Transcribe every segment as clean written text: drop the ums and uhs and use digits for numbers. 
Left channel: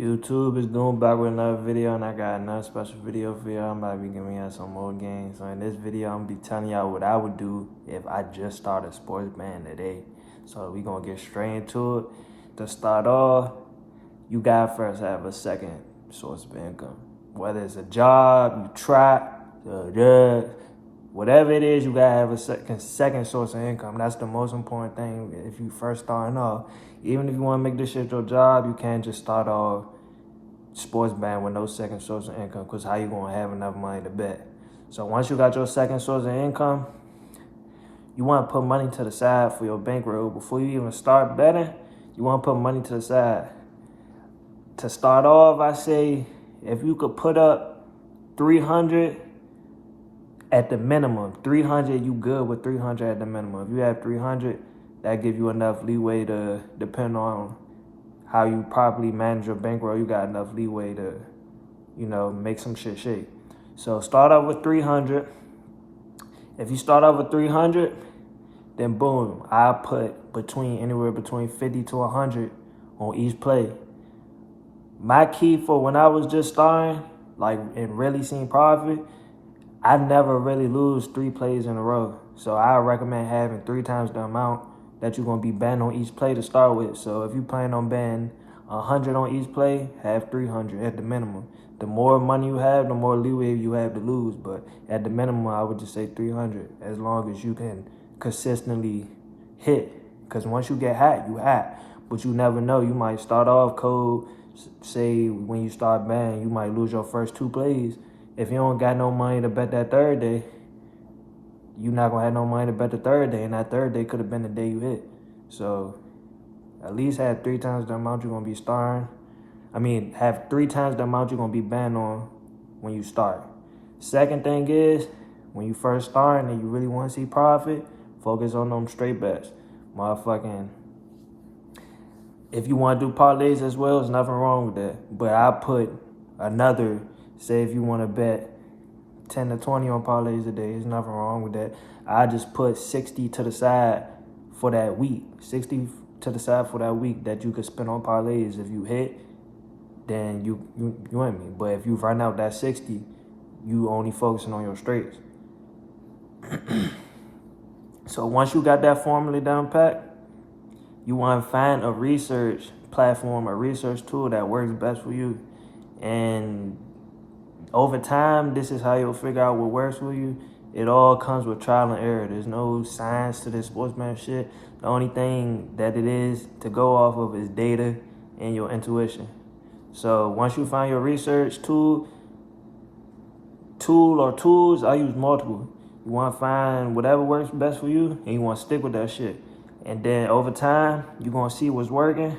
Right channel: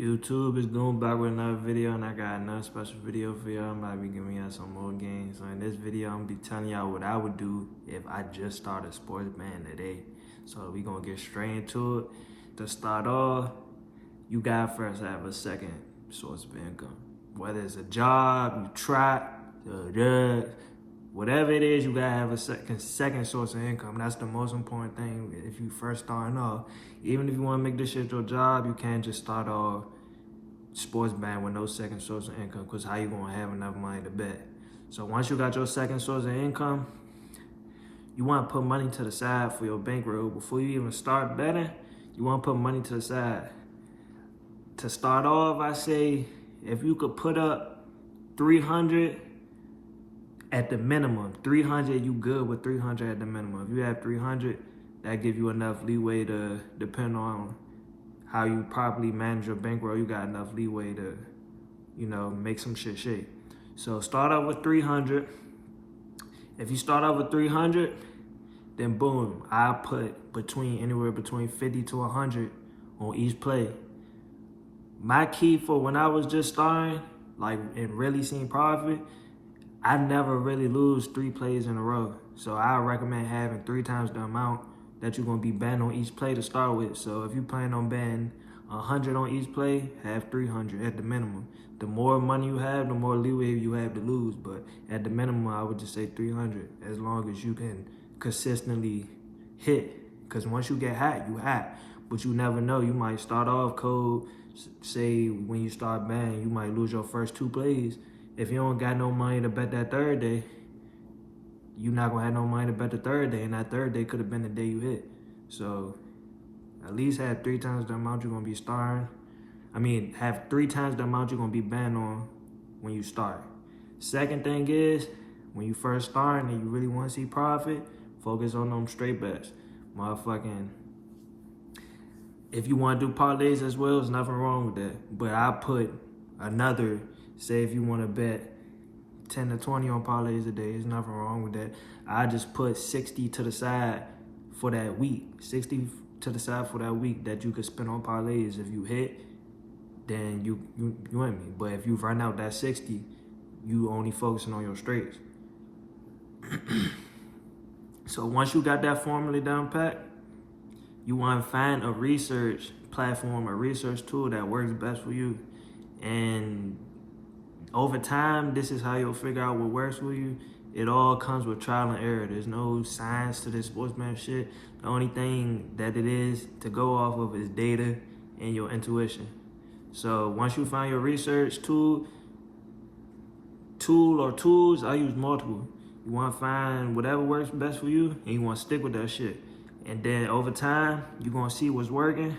YouTube is doing back with another video, and I got another special video for y'all. I'm about to be giving y'all some more games. So in this video, I'm gonna be telling y'all what I would do if I just started sports betting today. So we gonna get straight into it. To start off, you gotta first have a second source of income. Whether it's a job, you try, whatever it is, you gotta have a second source of income. That's the most important thing if you first starting off. Even if you wanna make this shit your job, you can't just start off sports betting with no second source of income, because how you gonna have enough money to bet? So once you got your second source of income, you wanna put money to the side for your bankroll. Before you even start betting, you wanna put money to the side. To start off, I say if you could put up 300 at the minimum, 300, you good with 300 at the minimum. If you have 300, that give you enough leeway to, depend on how you properly manage your bankroll, you got enough leeway to, make some shit shake. So start off with 300. If you start off with 300, then boom, I put anywhere between 50 to 100 on each play. My key for when I was just starting, and really seeing profit, I never really lose 3 plays in a row. So I recommend having 3 times the amount that you're gonna be betting on each play to start with. So if you plan on betting 100 on each play, have 300 at the minimum. The more money you have, the more leeway you have to lose. But at the minimum, I would just say 300, as long as you can consistently hit. Because once you get hot, you hot. But you never know. You might start off cold. Say when you start betting, you might lose your first 2 plays. If you don't got no money to bet that third day, you're not going to have no money to bet the third day, and that third day could have been the day you hit. So at least have 3 times the amount you're going to be starting. Have 3 times the amount you're going to be betting on when you start. Second thing is, when you first start and you really want to see profit, focus on them straight bets. If you want to do parlays as well, there's nothing wrong with that. But I put another, say if you want to bet 10 to 20 on parlays a day, there's nothing wrong with that. I just put 60 to the side for that week. 60 to the side for that week that you could spend on parlays. If you hit, then you win me. But if you run out that 60, you only focusing on your straights. So once you got that formula down pat, you want to find a research platform, a research tool that works best for you. And over time, this is how you'll figure out what works for you. It all comes with trial and error. There's no science to this sportsman shit. The only thing that it is to go off of is data and your intuition. So once you find your research tool or tools, I use multiple. You want to find whatever works best for you, and you want to stick with that shit. And then over time, you're going to see what's working,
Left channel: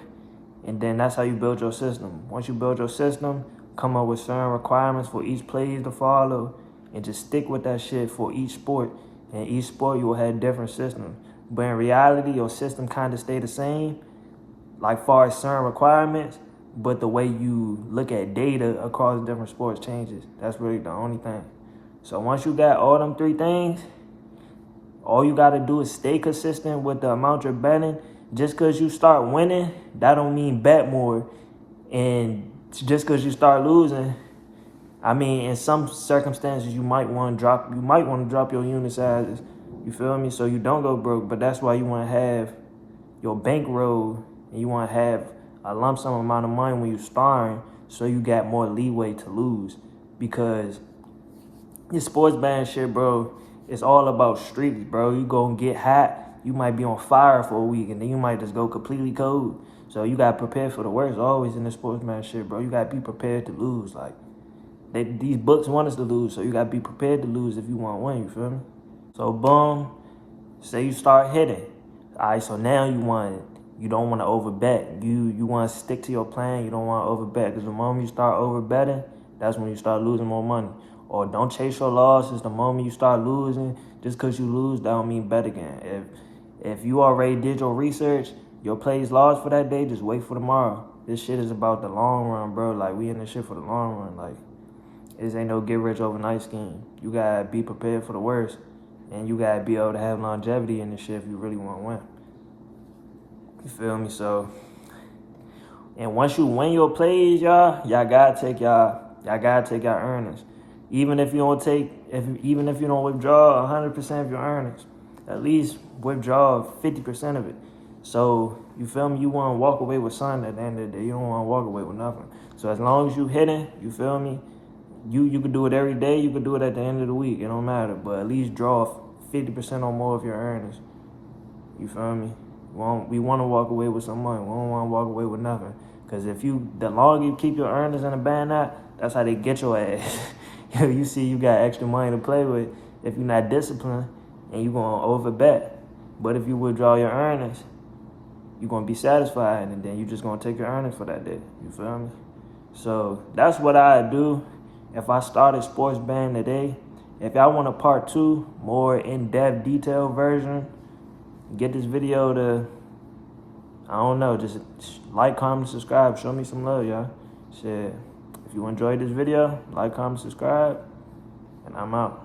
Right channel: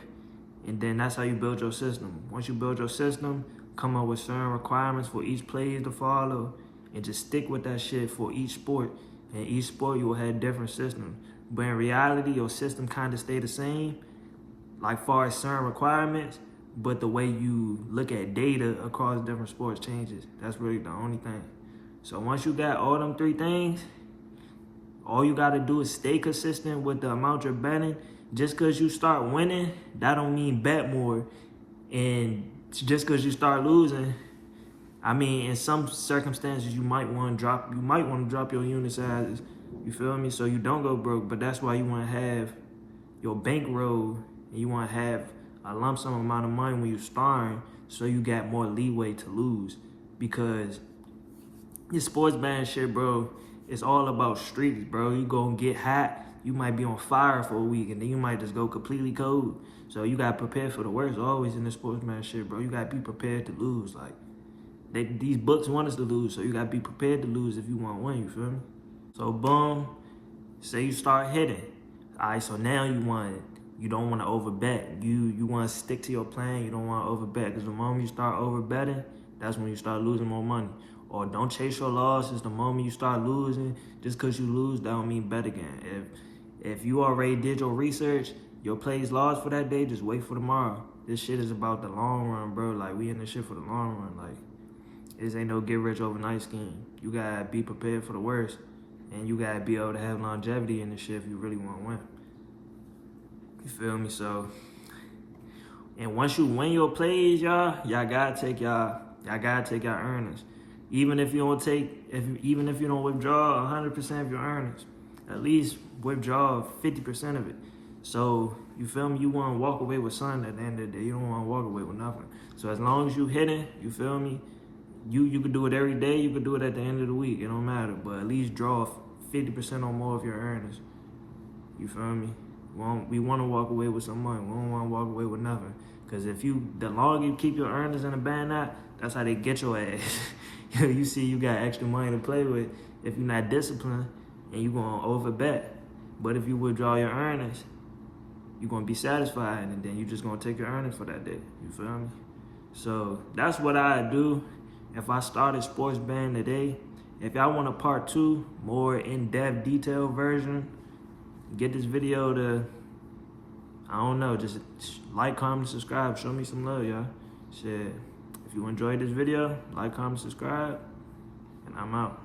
and then that's how you build your system. Once you build your system, come up with certain requirements for each plays to follow, and just stick with that shit for each sport. And each sport, you will have different systems. But in reality, your system kind of stay the same, like far as certain requirements, but the way you look at data across different sports changes. That's really the only thing. So once you got all them 3 things, all you got to do is stay consistent with the amount you're betting. Just because you start winning, that don't mean bet more. And just because you start losing, in some circumstances, you might want to drop your unit sizes. You feel me? So you don't go broke. But that's why you want to have your bankroll, and you want to have a lump sum amount of money when you're starting, so you got more leeway to lose. Because this sports betting shit, bro, it's all about streaks, bro. You gonna get hot, you might be on fire for a week, and then you might just go completely cold. So you gotta prepare for the worst always in this sports betting shit, bro. You gotta be prepared to lose. These books want us to lose, so you gotta be prepared to lose if you want to win, you feel me? So boom, say you start hitting. All right, so now you don't want to overbet. You want to stick to your plan. You don't want to overbet, because the moment you start overbetting, that's when you start losing more money. Or don't chase your losses. The moment you start losing, just because you lose, that don't mean bet again. If you already did your research, your plays lost for that day, just wait for tomorrow. This shit is about the long run, bro. We in this shit for the long run. This ain't no get rich overnight scheme. You gotta be prepared for the worst, and you gotta be able to have longevity in this shit if you really want to win. You feel me? So And once you win your plays, y'all gotta take y'all earnings. Even if you don't withdraw 100% of your earnings, at least withdraw 50% of it. So you feel me? You want to walk away with something at the end of the day. You don't want to walk away with nothing. So as long as you hitting, you feel me? You could do it every day. You could do it at the end of the week. It don't matter. But at least draw 50% or more of your earnings. You feel me? We want to walk away with some money. We don't want to walk away with nothing. Because the longer you keep your earnings in the band app, that's how they get your ass. You see you got extra money to play with if you're not disciplined and you're going to overbet. But if you withdraw your earnings, you're going to be satisfied, and then you're just going to take your earnings for that day. You feel me? So that's what I do if I started sports betting today. If y'all want a part 2, more in-depth, detailed version, get this video to, I don't know, just like, comment, subscribe. Show me some love, y'all. Shit. If you enjoyed this video, like, comment, subscribe, and I'm out.